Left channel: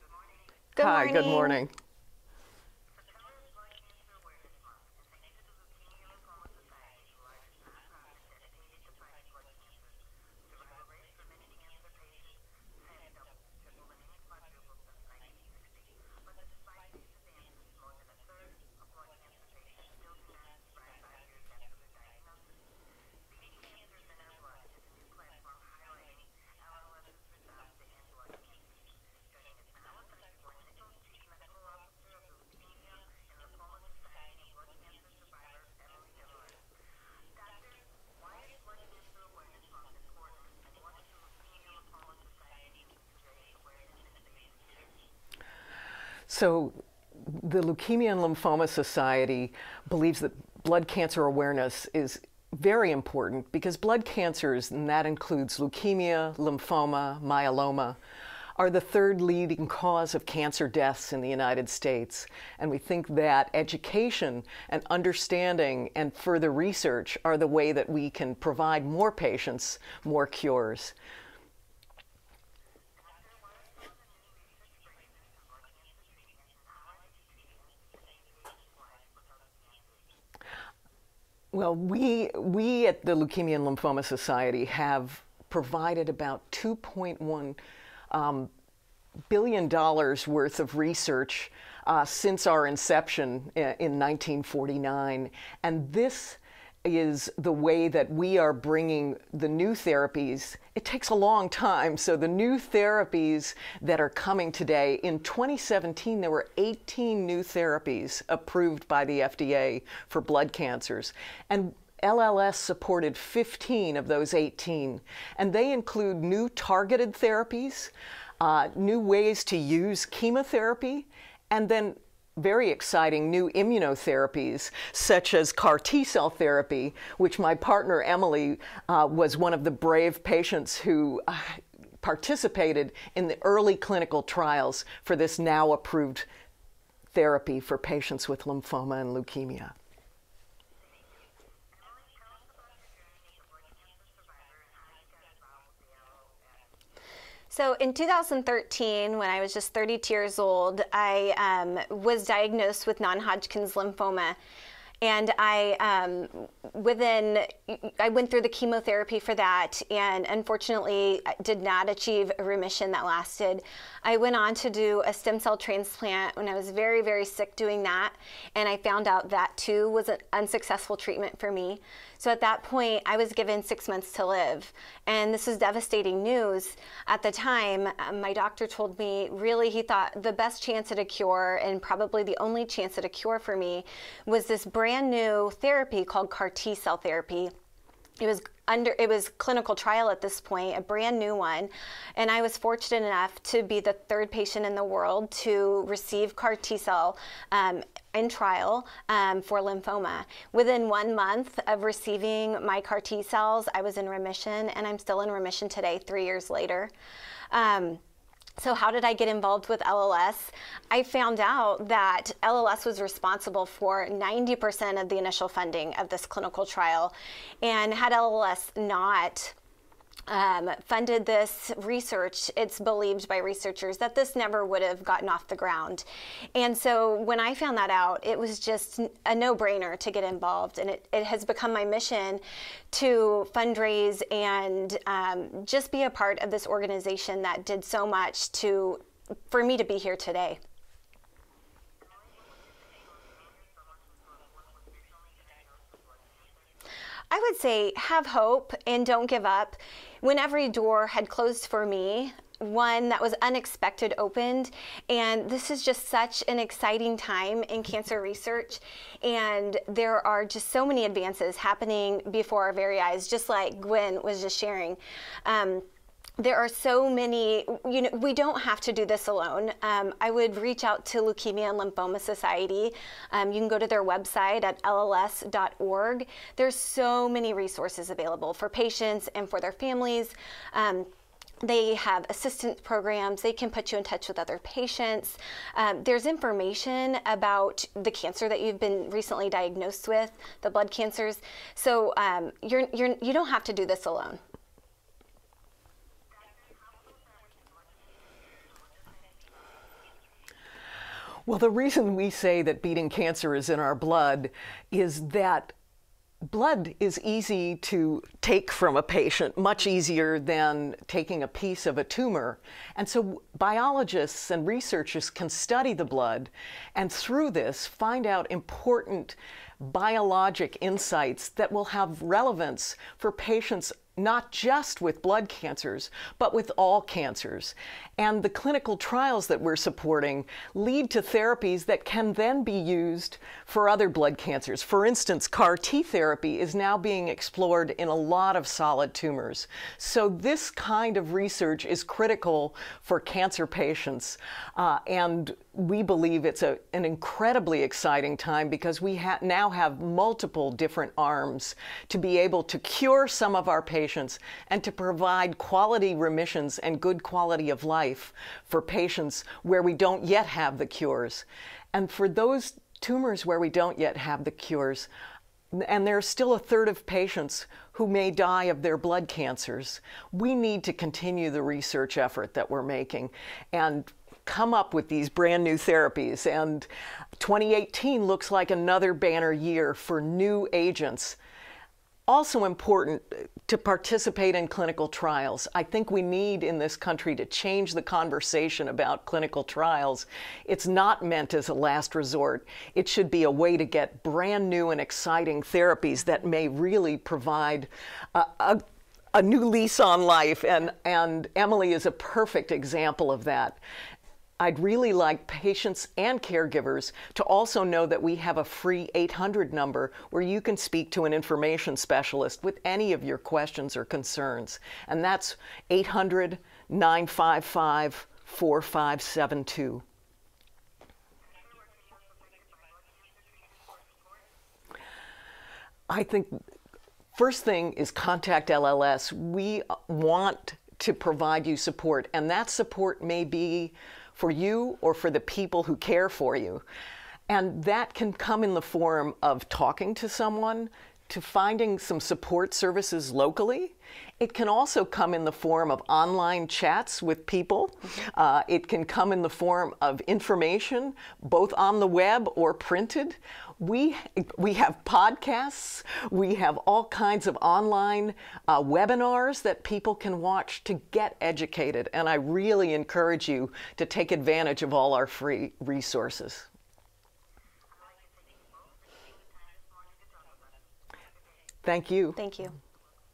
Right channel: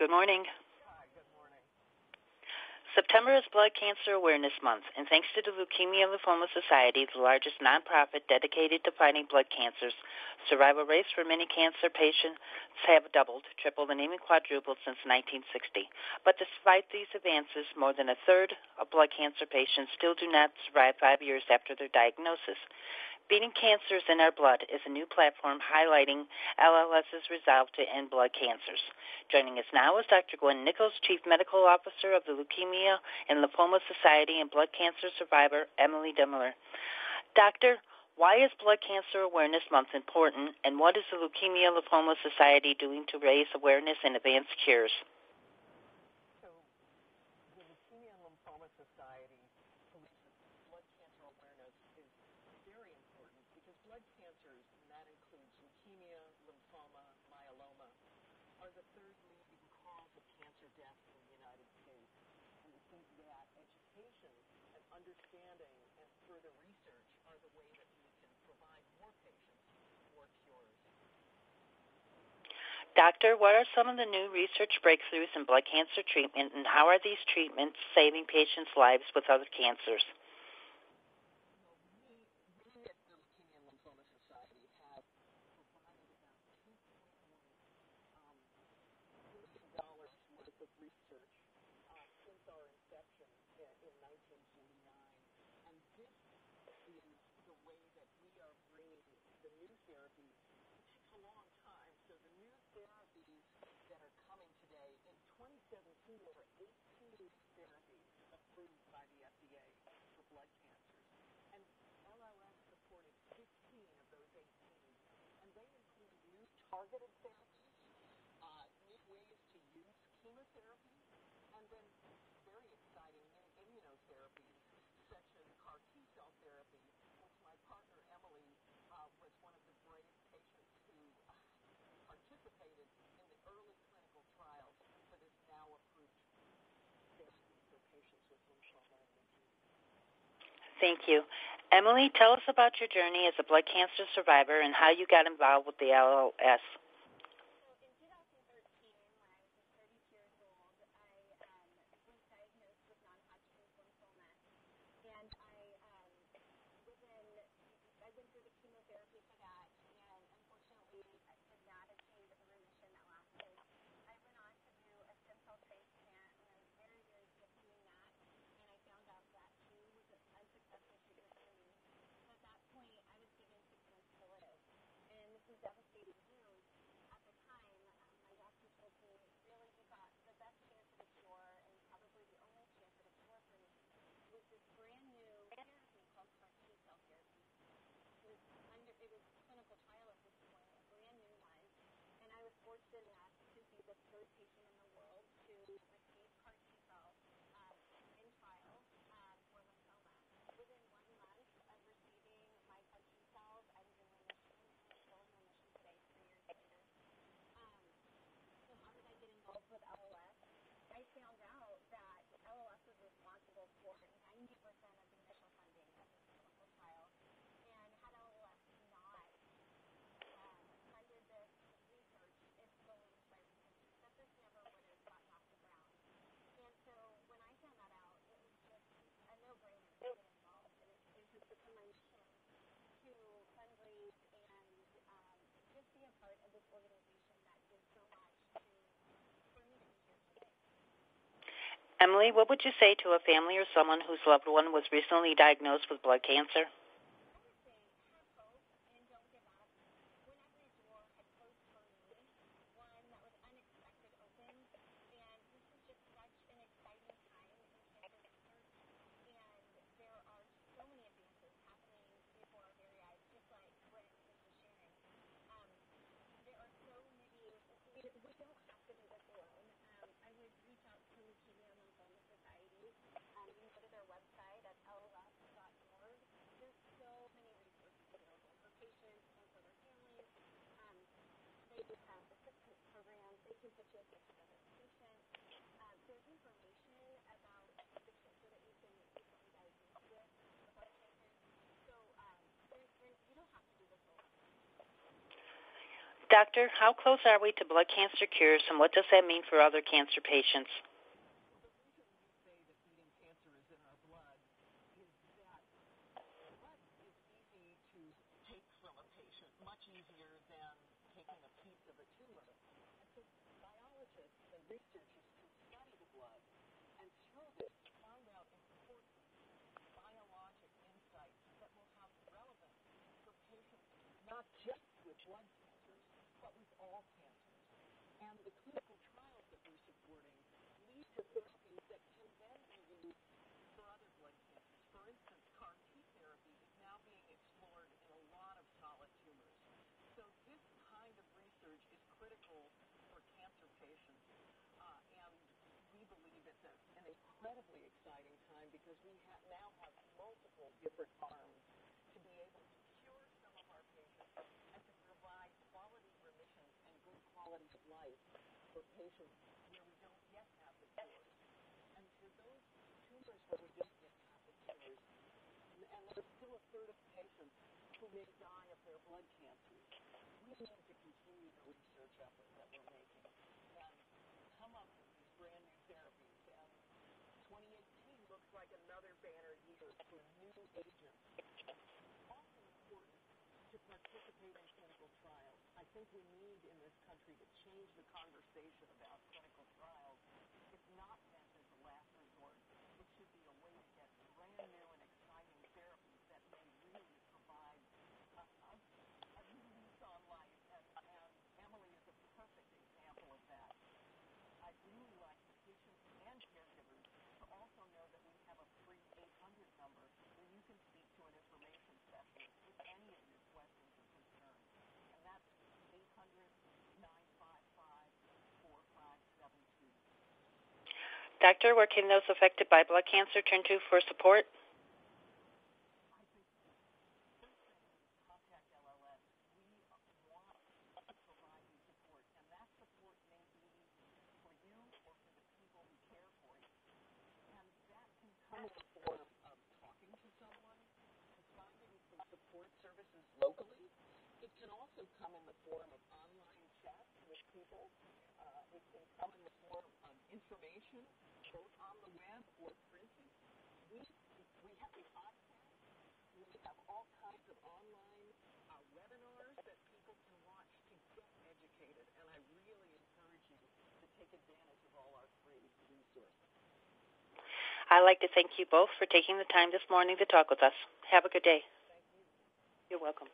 Good morning. Hi, good morning. September is Blood Cancer Awareness Month, and thanks to the Leukemia Lymphoma Society, the largest nonprofit dedicated to fighting blood cancers, survival rates for many cancer patients have doubled, tripled, and even quadrupled since 1960. But despite these advances, more than a third of blood cancer patients still do not survive 5 years after their diagnosis. Beating Cancers in Our Blood is a new platform highlighting LLS's resolve to end blood cancers. Joining us now is Dr. Gwen Nichols, Chief Medical Officer of the Leukemia and Lymphoma Society, and blood cancer survivor Emily Dumler. Doctor, why is Blood Cancer Awareness Month important, and what is the Leukemia Lymphoma Society doing to raise awareness and advance cures? So the Leukemia and Lymphoma Society believes that blood cancer awareness is very important because blood cancers, and that includes leukemia, lymphoma, myeloma, are the third leading cause of cancer deaths in the United States. And we think that education and understanding and further research are the way that we can provide more patients more cures. Doctor, what are some of the new research breakthroughs in blood cancer treatment, and how are these treatments saving patients' lives with other cancers? Well, we at the Leukemia and Lymphoma Society have provided about $2.1 billion worth of research since our inception in 1949. And this is the way that we are bringing the new therapies. It takes a long time, so the new therapies that are coming today, in 2017 there were 18 new therapies approved by the FDA for blood cancers, and LLS supported 15 of those 18, and they include new targeted therapies, new ways to use chemotherapy, and then very exciting new immunotherapies, such as CAR T-cell therapy, which my partner Emily was one of the brave patients who participated in the early clinical trials for this now approved therapy for patients with lymphoma and leukemia. Thank you. Emily, tell us about your journey as a blood cancer survivor and how you got involved with the LLS. So in 2013, when I was just 32 years old, I was diagnosed with non-Hodgkin's lymphoma. And I went through the chemotherapy for that, and unfortunately did not achieve a remission that lasted. I went on to do a stem cell transplant when I was very, very sick doing that, and I found out that too was an unsuccessful treatment for me. So at that point, I was given 6 months to live, and this was devastating news. At the time, my doctor told me really he thought the best chance at a cure, and probably the only chance at a cure for me, was this brand new therapy called CAR T-cell therapy. It was clinical trial at this point, a brand new one, and I was fortunate enough to be the third patient in the world to receive CAR T-cell in trial for lymphoma. Within 1 month of receiving my CAR T-cells, I was in remission, and I'm still in remission today, 3 years later. So how did I get involved with LLS? I found out that LLS was responsible for 90% of the initial funding of this clinical trial. And had LLS not funded this research, it's believed by researchers that this never would have gotten off the ground. And so when I found that out, it was just a no-brainer to get involved. And it has become my mission to fundraise and just be a part of this organization that did so much for me to be here today. Emily, what would you say to a family or someone whose loved one was recently diagnosed with blood cancer? I would say have hope and don't give up. When every door had closed for me, one that was unexpected opened, and this is just such an exciting time in cancer research, and there are just so many advances happening before our very eyes, just like Gwen was just sharing. There are so many, we don't have to do this alone. I would reach out to Leukemia and Lymphoma Society. You can go to their website at lls.org. There's so many resources available for patients and for their families. They have assistance programs. They can put you in touch with other patients. There's information about the cancer that you've been recently diagnosed with, the blood cancers. So you don't have to do this alone. Doctor, how close are we to blood cancer cures, and what does that mean for other cancer patients? Well, the reason we say that beating cancer is in our blood is that blood is easy to take from a patient, much easier than taking a piece of a tumor. And so biologists and researchers can study the blood and through this find out important biologic insights that will have relevance for patients not just with blood cancers, but with all cancers. And the clinical trials that we're supporting lead to therapies that can then be used for other blood cancers. For instance, CAR T therapy is now being explored in a lot of solid tumors. So this kind of research is critical for cancer patients. And we believe it's an incredibly exciting time because we now have multiple different arms to be able to cure some of our patients and to provide quality remissions and good quality of life for patients where we don't yet have the cures. And for those tumors where we don't yet have the cures, and there's still a third of patients who may die of their blood cancers, we need to continue the research effort that we're making and come up with these brand new therapies. And 2018 looks like another banner year for new agents. Also important to participate in clinical trials. I think we need in this country to change the conversation about clinical trials. It's not meant as a last resort. It should be a way to get brand new and exciting therapies that may really provide a new lease on life. And Emily is a perfect example of that. I'd really like patients and caregivers to also know that we have a free 800 number where you can speak to an information specialist with any of your questions or concerns. And that's 800-955-4572. Doctor, where can those affected by blood cancer turn to for support? I think first thing is contact LLS. We want to provide you support, and that support may be for you or for the people who care for you. And that can come in the form of talking to someone, to finding some support services locally. It can also come in the form of online chats with people. It can come in the form of information, both on the web or printed. We have podcasts. We have all kinds of online webinars that people can watch to get educated. And I really encourage you to take advantage of all our free resources. I'd like to thank you both for taking the time this morning to talk with us. Have a good day. Thank you. Thank you. You're welcome.